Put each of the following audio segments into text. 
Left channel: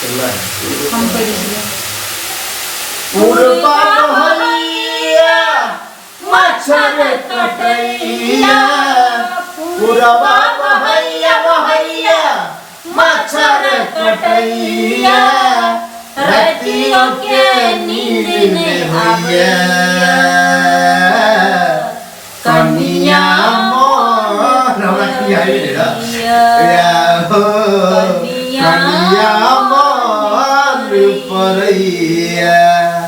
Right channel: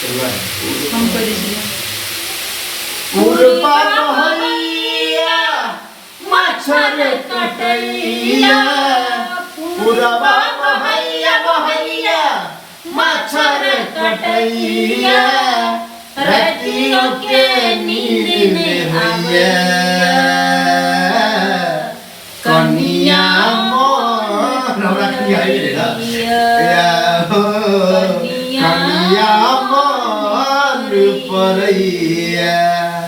हम पढ़ी पूर्वा बहैया मच्छर कटैया पूर्वा बहैया बहैया मच्छर कटैया रतियों के नींद ने आवैया कन्या मोर कन्या मोर परैया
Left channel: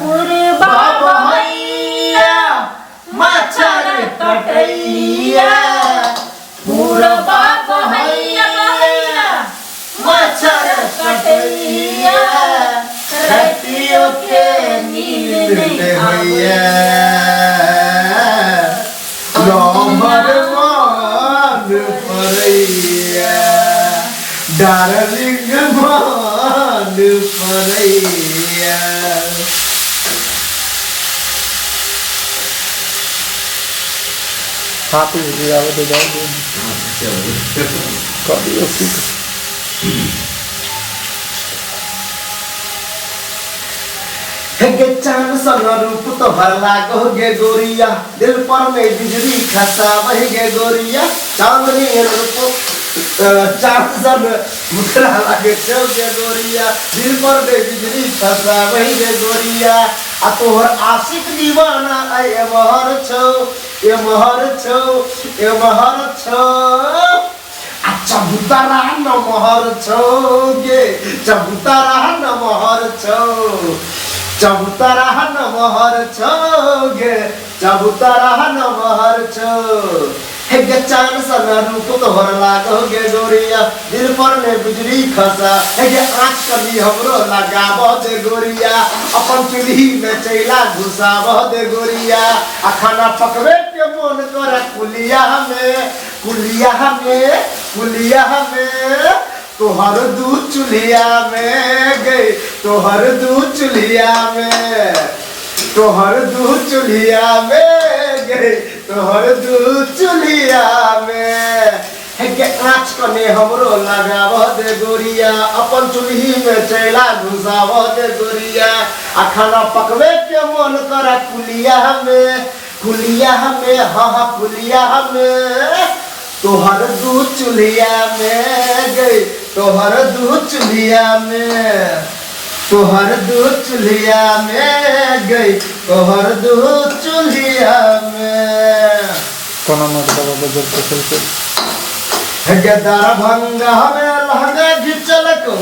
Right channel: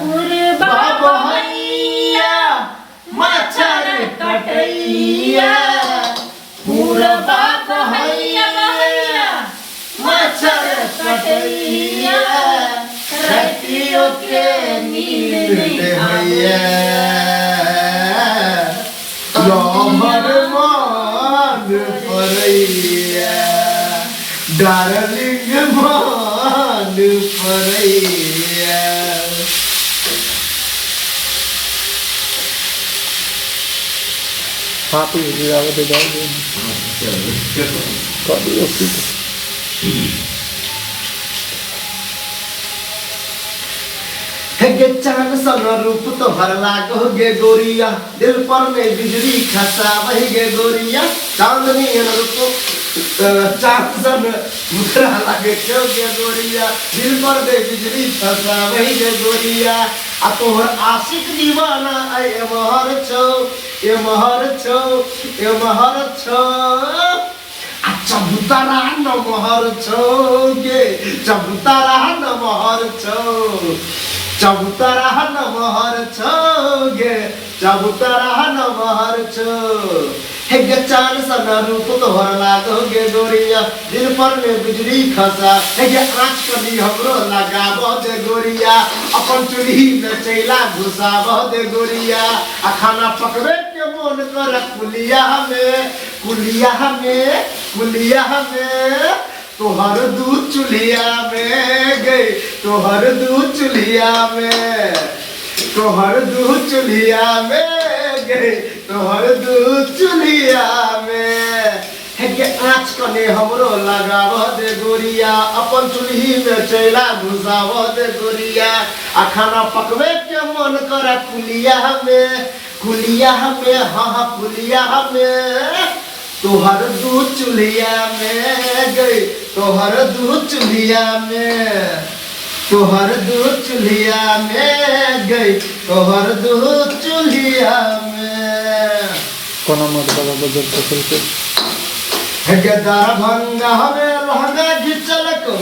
पूर्वा बहैया मच्छर कटैया पूर्वा बहैया बहैया मच्छर कटैया रतियों के नींद नहीं होइया लम्बर मान परैया डार्लिंग मान परैया हाथ ही गिरावे तो जाओ दे कभी उसकी गे चांद सन रूप तोहर लागो गे गोरिया दिल पर में बिजली खसावहि गे गोरिया चांदनी रूप चांद सन मुखरा लागे छो गे गोरिया दिल पर में बिजली खसावहि गे गोरिया आ तोहर आशिक दीवाना ए महर छो ए महर छो ए महर छो चबूतरा न महर छो गे चबूतरा न महर छो चबूतरा न महर छो गे चबूतरा न महर छो हे गे चांद सन रूप तोहर लागो गे गोरिया दिल पर में बिजली खसा हे गे आँच कली हमरो लगाबो दे गोरिया अपन चूल्ही में चैला घुसाबो दे गोरिया आ खाना पकवे के मन कर कुलिया में तोहर दूध चुलिया में गई तोहर दूध चुलिया में तोहर दूध चुलिया में गई तोहर दूध चुलिया में हे के आँच कने हमरो लगाव दे गोरिया अपन चुल्ही में चैला घुसाव दे गोरिया आ खाना पकवे के मन करा कुलिया में हाँ कुलिया में तोहर दूध चुलिया में गई तोहर दूध चुलिया में तोहर दूध चुलिया में गई तोहर दूध चुलिया में कोना मत बाबा बजर तो चलते दरभंगा में लहंगा घिचल को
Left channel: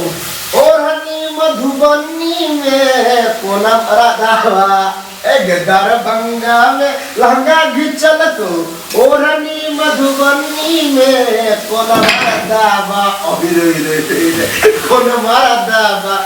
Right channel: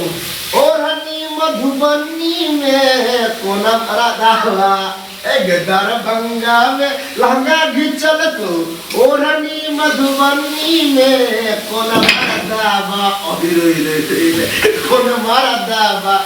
ओढ़नी मधुबनी में कोना राधा दरभंगा में लहंगा घिचल तो ओढ़नी मधुबनी में कोना दावा अभी कोना मारा दावा